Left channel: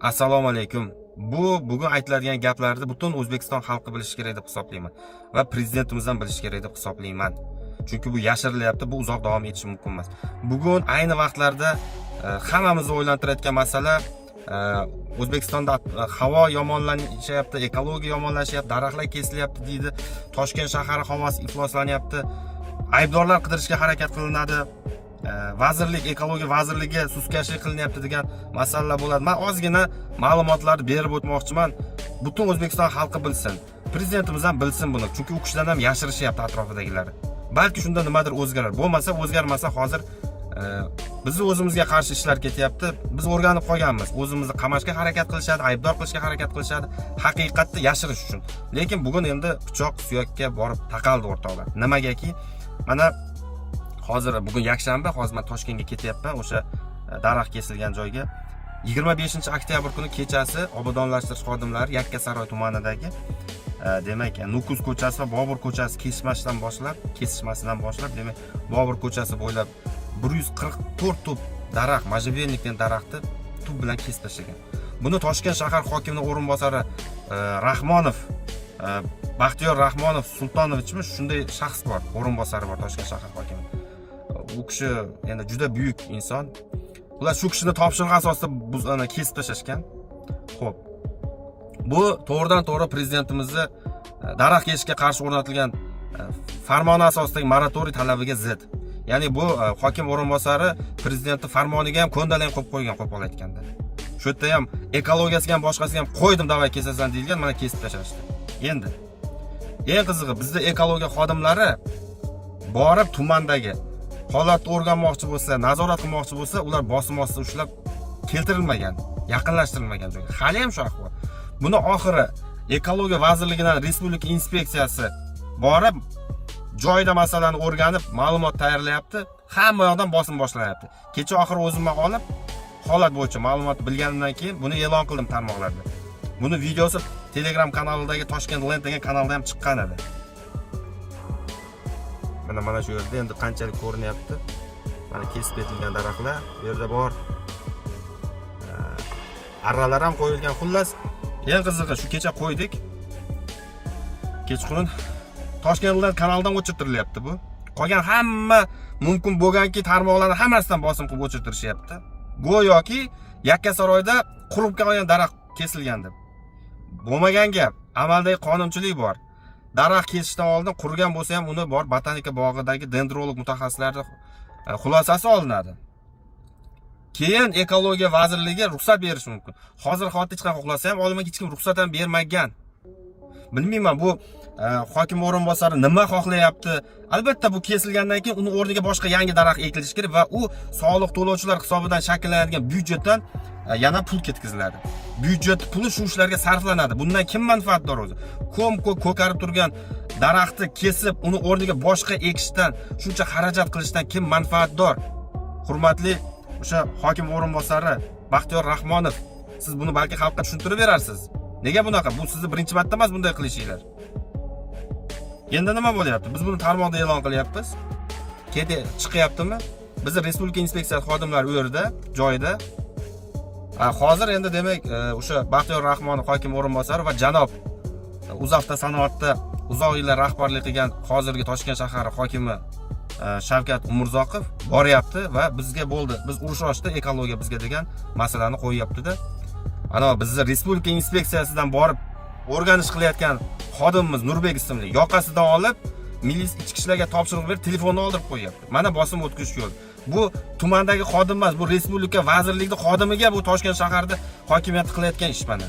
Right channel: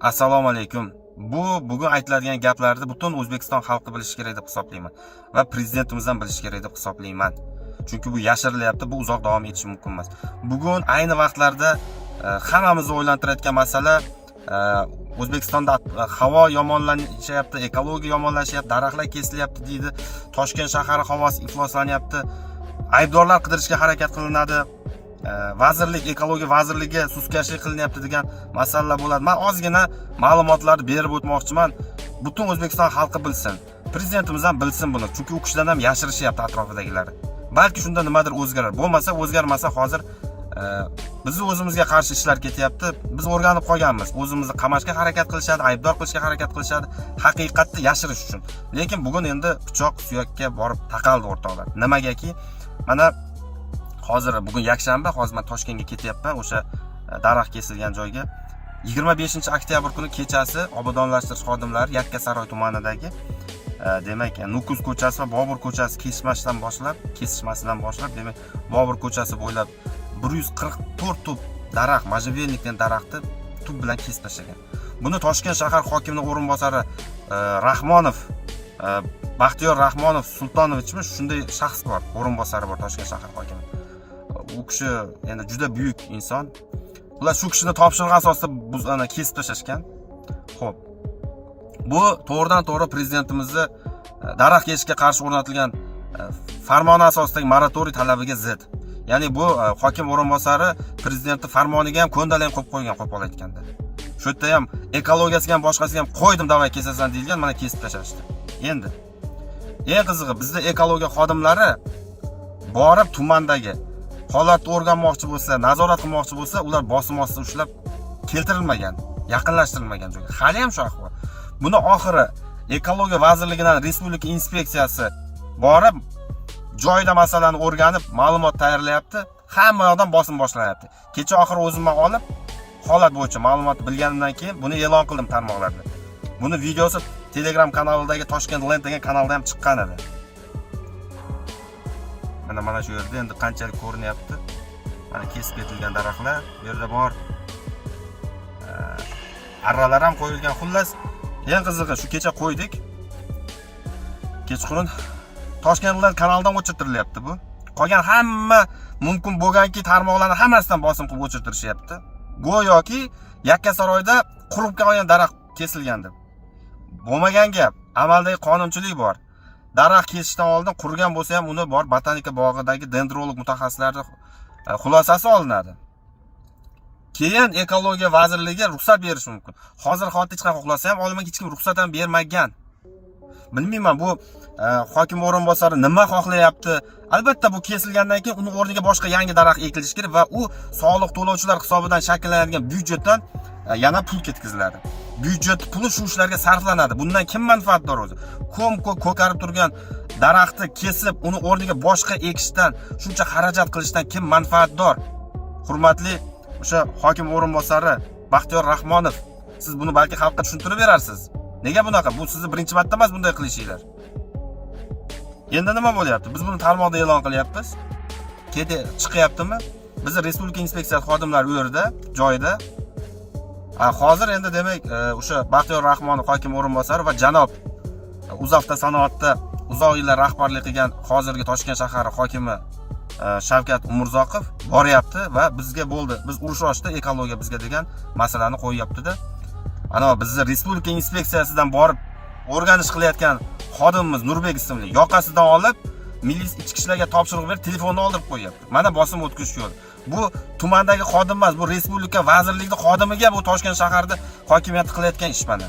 Assalomu alaykum. Bugun aytiladigan gaplarni butun O'zbekiston xalqi bilishi kerak deb hisoblayman va prezidentimiz ham bilishi kerak deb hisoblayman. Chunki bu yashirilyapti, bu uzoq davom etishi mumkin emas. Bugun ayni vaqtlarda hammamizni o'ylantirayotgan masala O'zbekistonda havo yomonlashyapti, ekologiya yomonlashyapti, daraxtlar kesilyapti deydi. Toshkent shahari havosi ifloslanyapti. Aybdorlar qidirishga harakat qilinadi. Vazirlik, ekologiya vazirligi suskashlik qilinyapti degan masalalar bo'ladi. Men ozgina ma'lumotlarni berib o'tmoqchiman. Butun O'zbekiston xalqi bilsin. Prezidentimiz ham bilsin buni. Chunki u kishidan ham yashirishyapti atrofidagilar. Balki shunda nimadir o'zgarar. Bo'lmasa, o'zgarmasa hozir bizni o'zimizga qarshi ishlar ketyapti. Biz o'rganib qolganmiz. O'zimizni qamashga harakat qilishadi, aybdor qilishga harakat qilishadi, haqiqatni yashirish uchun. Lekin bugun endi pichoq suyakka borib taqaldi o'rtoqlar. Nimagaki? Mana hozir bugun yakshanba, hozir men Toshkentga ketyapman, o'sha daraxt kesilgan joyga. 25-oktyabr kuni kechasi obodonlashtirish xodimlari Yakkasaroy tumanidagi demak, Nukus ko'chasi va Bobur ko'chasi kesishmasidan boshlab, demak, Bobur ko'chasi bo'ylab 144 tup daraxt, majibelnikning daraxti tub bilan kesib tashlagan. Buni Toshkent shahar hokimining o'rinbosari Rahmonov, Baxtiyor Rahmonov Sultonovichmi, shunday shaxs bor, o'rinbosari bor Toshkent shahar hokimi. U kishi endi juda buyuk inson. Ular shu kishining topshirig'i asosida buzani kesib tashlashgan. Xo'p. Bu to'g'ridan-to'g'ri prezidentimizning daraxt kesishga qarshi o'rnatilgan farmoni asosidagi moratoriy talabiga zid. Ya'ni bu hokim o'rinbosari prezidentning farmoniga ham ko'ndalang qo'yib qo'ygan, qo'pol aytganda. Shu yerda ham ekologiyasiga ham boshqasiga ham qo'ydim, davay kesasan deyilgan, mana kesib tashlashdi. Endi eng qizig'i, bizda ekologiya xodimlari borib tumandagi holatni o'rganmoqchi bo'lsa, nazorat qilmoqchi bo'lsa, ular bosim ostida ushlab keltirilmagan, yaqinlashtirilmagan joyga. Hali ham shu ahvol. Buni oxiri ekologiya vazirligidan respublika inspeksiyasi borib joyda masalani o'rganib, ma'lumot tayyorlayapti. Hamma yoqdan bosim boshlanyapti. Kecha oxiri o'zimman olib, holat bo'yicha ma'lumot bilganimdan keyin buni e'lon qildim tarmoqlarda. Buni videosi Telegram kanalidagi Toshkent Land degan kanalda ham chiqqan edi. Mana shu yerda endi qanchalik ko'rinyapti. Mana kesib ketilgan daraxtlar, bu yerda bor. Arralar ham qo'yilgan. Xullas, eng qizig'i shu kecha qo'ydik. Kechqurun Toshkent Land kanalidan o'chirtirilyapti bu. Qolgan hamma mumkin bo'lganki tarmoqlarni hammasidan bosim qilib o'chirtirishyapti. Go'yoki Yakkasaroyda qurib qolgan daraxt kesilgan deb. Bo'lmagan gap, amaldagi qonunchilik bor. Daraxt kesishdan oldin qurgan bo'lsa ham uni bor botanika bog'idagi dendrolog mutaxassislarning xulosasi olinadi. Keyin ekologiya vazirligi ruxsat berishi mumkin. Hozir hech qanaqa xohlasa ham olmaga hech kim ruxsat ham bermagan. Bilmayman bu hokim o'rinbosari nima xohlayapti. Albatta bu kesilgandan keyin uni o'rniga boshqa yangi daraxt ekilishi kerak va u soliq to'lovchilar hisobidan shakllanadigan byudjetdan yana pul ketkaziladi. Byudjet puli shu ishlarga sarflanadi. Bundan kim manfaatdor o'zi? Ko'karib turgan daraxtni kesib, uni o'rniga boshqa ekishdan, shuncha xarajat qilishdan kim manfaatdor? Hurmatli o'sha hokim o'rinbosari Baxtiyor Rahmonov, siz buni balki xalqqa tushuntirib berarsiz. Nega bunaqa? Bu sizni birinchi marta emas bunday qilishinglar. Endi nima bo'lyapti? Biz buni tarmoqda e'lon qilyapmiz. Kedi chiqyaptimi? Bizi respublika inspeksiyasi xodimlari u yerda, joyida. Hozir endi demak, o'sha Baxtiyor Rahmonov hokim o'rinbosari va janob Uzavto sanoatda uzoq yillar rahbarlik qilgan hozirgi Toshkent shahari hokimi Shavkat Umurzoqov boryapti va bizga bo'ldi. Biz urush ochdi, ekologiya bizga degan masalani qo'yyapti-da. Ana bizni respublika inspeksiyasidan borib o'rganish qilayotgan xodimimiz Nurbek ismli yoqasidan olib, milliy ichki ishlarga topshiriq berib, telefonni oldirib qo'yapti. Mana bosim o'tkazish yo'li. Bu tumandagi xodim emas, bu respublika vazirligining xodimiga bu Toshkent shaharida hokimiyat qilayotgan ish mana.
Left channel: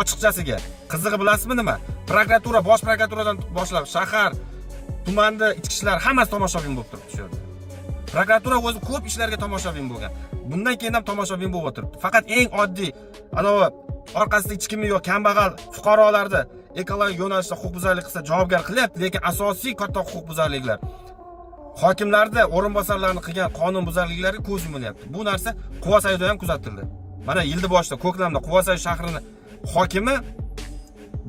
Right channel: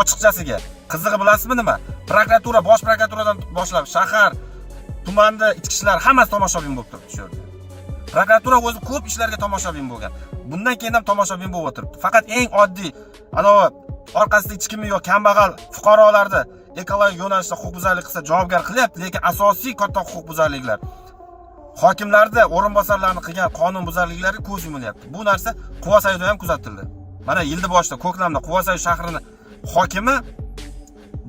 Ochiqchasiga, qizig'i bilasizmi nima? Prokuratura, bosh prokuraturadan boshlab shahar, tumanda ichki ishlar hammasi tomoshabin bo'lib turibdi shu yerda. Prokuratura o'zi ko'p ishlarga tomoshabin bo'lgan. Bundan keyin ham tomoshabin bo'lib o'tiribdi. Faqat eng oddiy, orqasida hech kimi yo'q, kambag'al fuqarolarni ekologik yo'nalishda huquqbuzarlik qilsa javobgar qilyapti, lekin asosiy katta huquqbuzarliklar hokimlarda o'rinbosarlarning qilgan qonunbuzarliklari ko'z yumilyapti. Bu narsa Quvasayda ham kuzatildi. Mana yilni boshida Ko'klamda Quvasay shahrining hokimi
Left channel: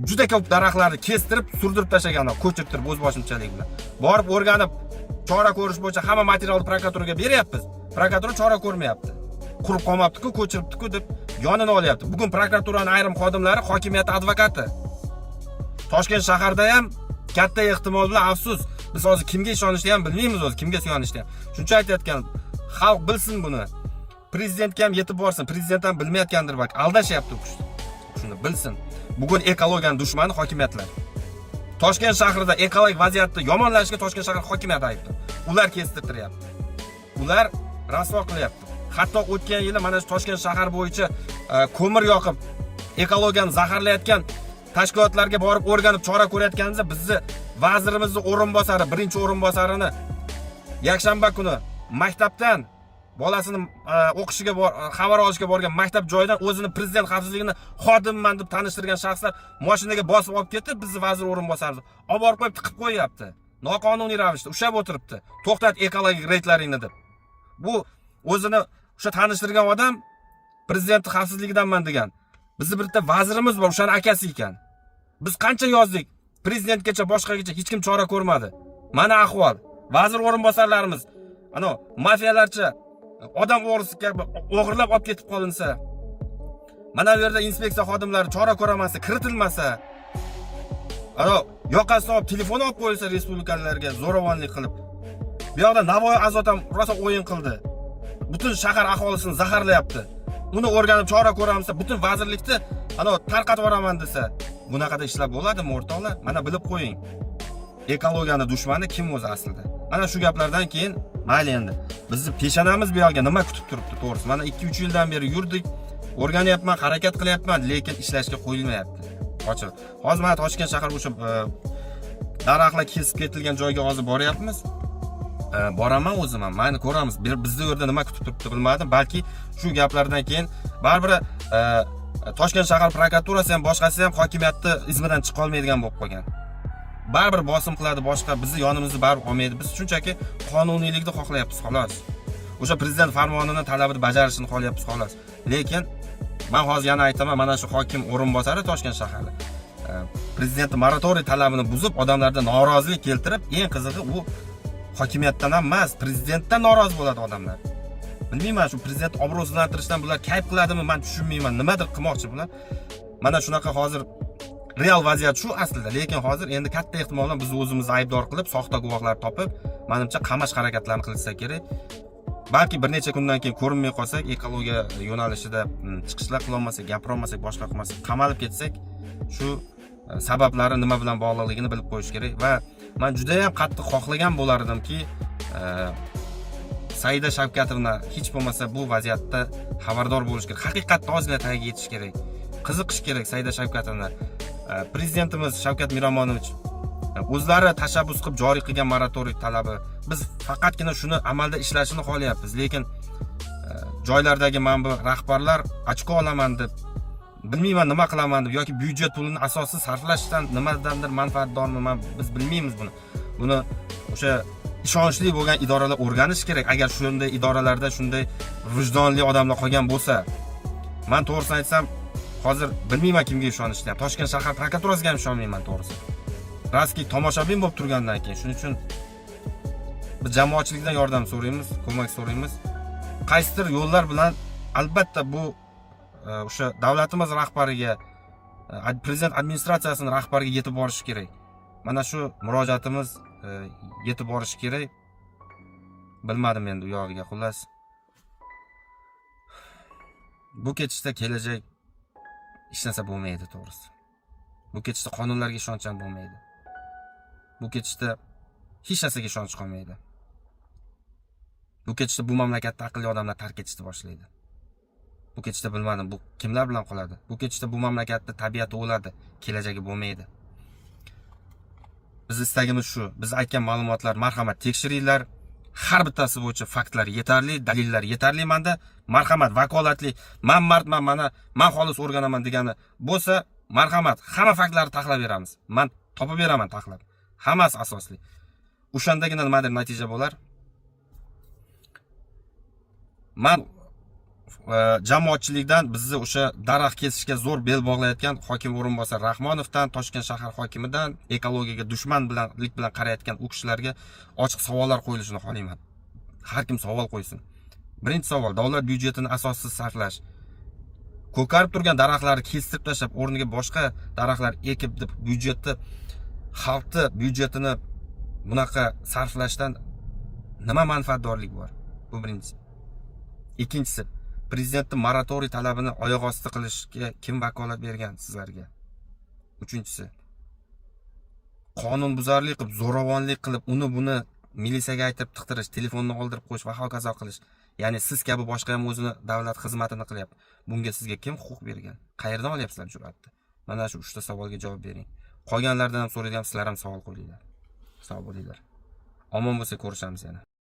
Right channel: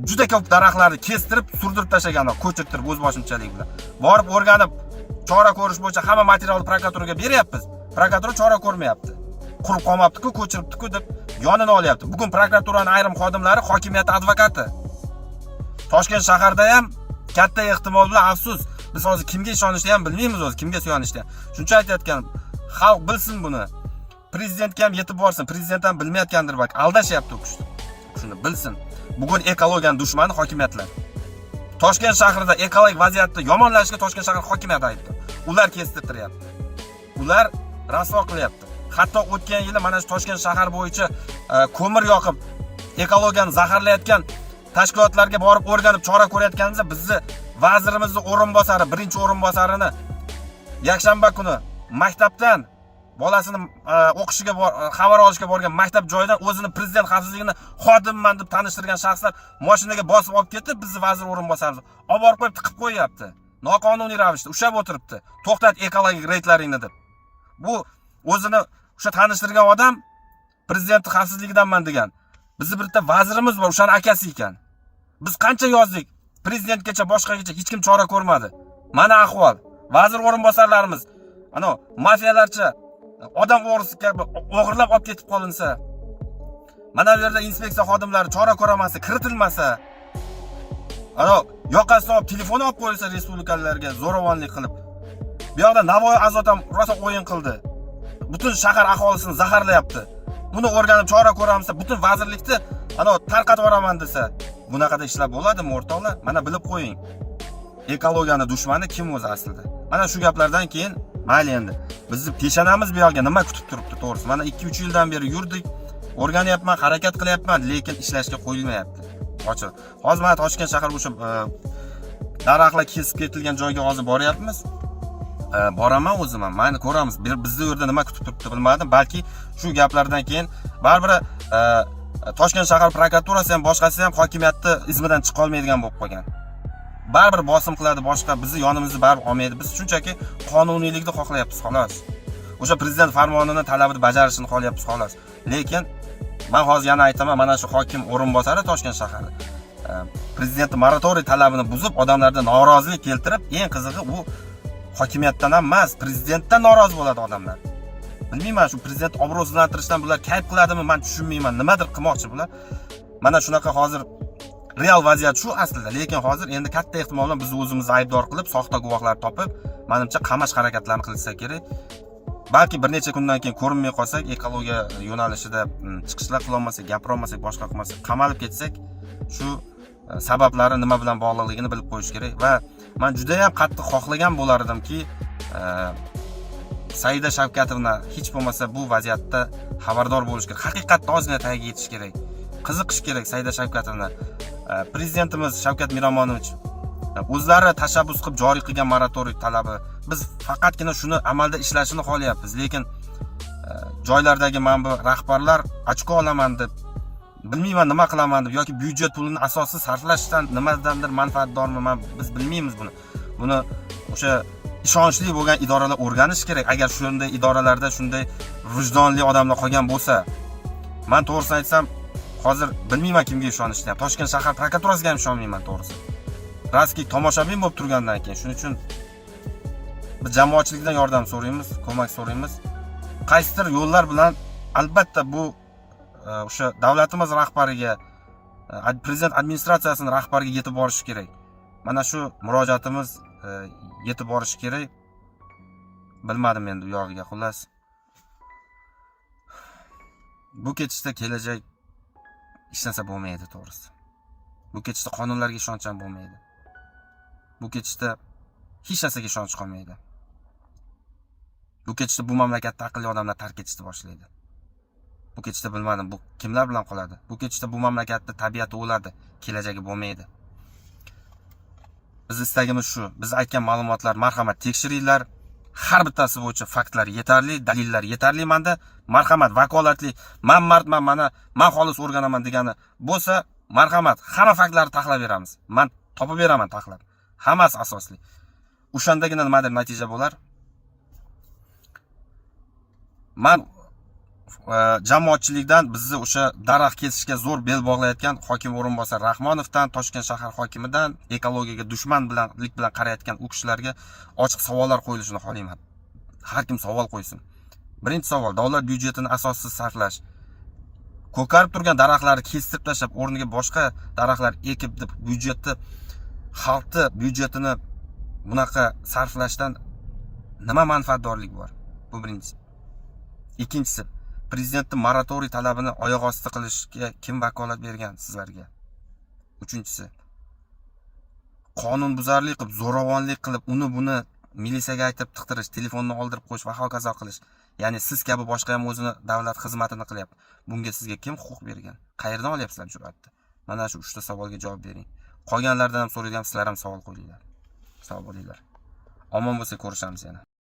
juda ko'p daraxtlarni kestirib, surdirib tashlagan, ko'chirtirib o'z boshimchalik bilan. Borib o'rganib, chora ko'rish bo'yicha hamma materialni prokuraturaga beryapmiz. Prokuratura chora ko'rmayapti. qurib qolmabdi-ku, ko'chiribdi-ku deb yonini olyapti. Bugun prokuraturaning ayrim xodimlari hokimiyat advokati. Toshkent shaharda ham katta ehtimol bilan afsus, biz hozir kimga ishonishni ham bilmaymiz o'zi, kimga suyanishni. Shuncha aytayotgan, xalq bilsin buni. Prezidentga ham yetib borsin. Prezident ham bilmayotgandir balki, aldashyapti u kishi. Shuni bilsin. Bugun ekologiyaning dushmani hokimiyatlar. Toshkent shahrida ekologik vaziyatni yomonlashga Toshkent shahar hokimiyati aybdor. Ular kestirtiryapti. Ular rasvo qilyapti. Hatto o'tgan yili mana shu Toshkent shahar bo'yicha ko'mir yoqib ekologiyani zaharlayotgan tashkilotlarga borib o'rganib chora ko'rayotganimizda bizni vazirimizning o'rinbosari, birinchi o'rinbosarini yakshanba kuni maktabdan bolasini o'qishiga xabar olishga borgan maktab joyidan o'zini prezident xavfsizligini xodimman deb tanishtirgan shaxslar mashinaga bosib olib ketib, bizni vazir o'rinbosarimiz olib borib qo'yib tiqib qo'yapti. Noqonuniy ravishda ushlab o'tiribdi. To'xtat ekologik reydlaringni deb. Bu o'zini o'sha tanishtirgan odam prezident xavfsizligidanman degan. Bizni bitta vazirimiz bor, o'shaning akasi ekan. Biz qancha yozdik, prezidentgacha boshqagacha hech kim chora ko'rmadi. Mana ahvol. Vazir o'rinbosarlarimiz ana mafiyalarcha odam o'g'risi kabi o'g'irlab olib ketib qolinsa, mana bu yerda inspeksiya xodimlari chora ko'ramasa, kiritilmasa, ana yoqasidan olib telefon olib qo'yilsa respublikalarga zo'ravonlik qilib, bu yoqda Navoiy Azot ham rosa o'yin qildi. Butun shahar aholisini zaharlayapti. Uni o'rganib chora ko'ramasa, butun vazirlikni ana tarqatib yuboraman desa, bunaqada ishlar bo'ladimi o'rtoqlar? Mana bilib qo'ying. Ekologiyani dushmani kim o'zi aslida? Mana shu gaplardan keyin mayli endi. Bizni peshonamiz bu yerga nima kutib turibdi, to'g'risi. Mana 2-3 yildan beri yurdik, o'rganyapman, harakat qilyapman, lekin ishlashga qo'yilmayapti. Ochiq. Hozir mana Toshkent shahar o'sha daraxtlar kesib ketilgan joyga hozir boryapmiz. Boraman o'zim ham. Mayli ko'ramiz. Bizni yerda nima kutib turibdi bilmadim. Balki shu gaplardan keyin baribir Toshkent shahar prokuraturasi ham boshqasi ham hokimiyatni izmidan chiqa olmaydigan bo'lib qolgan. Baribir bosim qiladi, boshqa bizni yonimizni baribir olmaydi. Biz shunchaki qonuniylikni xohlayapmiz, xolos. O'sha prezident farmonini talabini bajarishini xohlayapmiz, xolos. Lekin men hozir yana aytaman, mana shu hokim o'rinbosari Toshkent shahari prezident moratoriy talabini buzib, odamlarda norozilik keltirib, eng qizig'i u hokimiyatdan ham emas, prezidentdan norozi bo'ladi odamlar. Bilmayman, shu prezident obro'sizlantirishdan bular kayf qiladimi, men tushunmayman. Nimadir qilmoqchi bular. Mana shunaqa hozir real vaziyat shu aslida, lekin hozir endi katta ehtimol bilan biz o'zimizni aybdor qilib, soxta guvohlar topib, menimcha qamash harakatlarini qilsa kerak. Balki bir necha kundan keyin ko'rinmay qolsak, ekologiya yo'nalishida chiqishlar qila olmasak, gapira olmasak, boshqa qilmasak, qamalib ketsak, shu sabablari nima bilan bog'liqligini bilib qo'yish kerak va men juda ham qattiq xohlagan bo'lar edimki, Saida Shavkatovna hech bo'lmasa bu vaziyatda xabardor bo'lish kerak. Haqiqatda ozgina tagiga yetish kerak. Qiziqish kerak Saida Shavkatovna. Prezidentimiz Shavkat Miromonovich o'zlari tashabbus qilib joriy qilgan moratoriy talabi. Biz faqatgina shuni amalda ishlashini xohlayapmiz, lekin joylardagi mana bu rahbarlar ochko olaman deb, bilmayman nima qilaman deb yoki byudjet pulini asossiz sarflashdan nimadandir manfaatdormi, biz bilmaymiz buni. Buni o'sha ishonchli bo'lgan idoralar o'rganish kerak. Agar shunday idoralarda shunday vijdonli odamlar qolgan bo'lsa, men to'g'risini aytsam, hozir bilmayman kimga ishonishni. Toshkent shahar prokuraturasiga ham ishonmayman to'g'risi. Raski tomoshabin bo'lib turgandan keyin, shuning uchun biz jamoatchilikdan yordam so'raymiz, ko'mak so'raymiz. Qaysidir yo'llar bilan albatta bu o'sha davlatimiz rahbariga, prezident administratsiyasining rahbariga yetib borishi kerak. Mana shu murojaatimiz yetib borishi kerak. Bilmadim endi u yog'iga, xullas. Bu ketishda kelajak hech narsa bo'lmaydi to'g'risi. Bu ketishda qonunlarga ishonch ham bo'lmaydi. Bu ketishda hech narsaga ishonch qolmaydi. Bu ketishda bu mamlakatda aqlli odamlar tark etishni boshlaydi. Bu ketishda bilmadim, bu kimlar bilan qoladi? Bu ketishda bu mamlakatda tabiati o'ladi, kelajagi bo'lmaydi. Biz istagimiz shu. Biz aytgan ma'lumotlar, marhamat, tekshiringlar. Har bittasi bo'yicha faktlar yetarli, dalillar yetarli. Menda marhamat, vakolatli, men xolis o'rganaman degani bo'lsa, marhamat, hamma faktlarni taxlab beramiz. Men topib beraman taxlab. Hammasi asosli. O'shandagina nimadir natija bo'lar. Men jamoatchilikdan bizni o'sha daraxt kesishga zo'r bel bog'layotgan hokim o'rinbosar Rahmonovdan, Toshkent shahar hokimidan, ekologiyaga dushman bilan qarayotgan u kishilarga ochiq savollar qo'yilishini xohlayman. Har kim savol qo'ysin. Birinchi savol, davlat byudjetini asossiz sarflash. Ko'karib turgan daraxtlarni kestirib tashlab, o'rniga boshqa daraxtlar ekib deb xalqni byudjetini bunaqa sarflashdan nima manfaatdorlik bor? Bu birinchisi. Ikkinchisi, prezidentning moratoriy talabini oyoq osti qilishga kim vakolat bergan sizlarga? Uchinchisi, qonunbuzarlik qilib, zo'ravonlik qilib, uni buni militsiyaga aytib tiqtirish, telefonni oldirib qo'yish va hokazo qilish. Ya'ni siz kabi boshqa ham o'zini davlat xizmatini qilyapti. Bunga sizga kim huquq bergan? Qayerdan olyapsizlar jur'atni? Mana shu 3 ta savolga javob bering. Qolganlardan ham so'rayman, sizlar ham savol qo'yinglar. Sog' bo'linglar. Omon bo'lsa ko'rishamiz yana.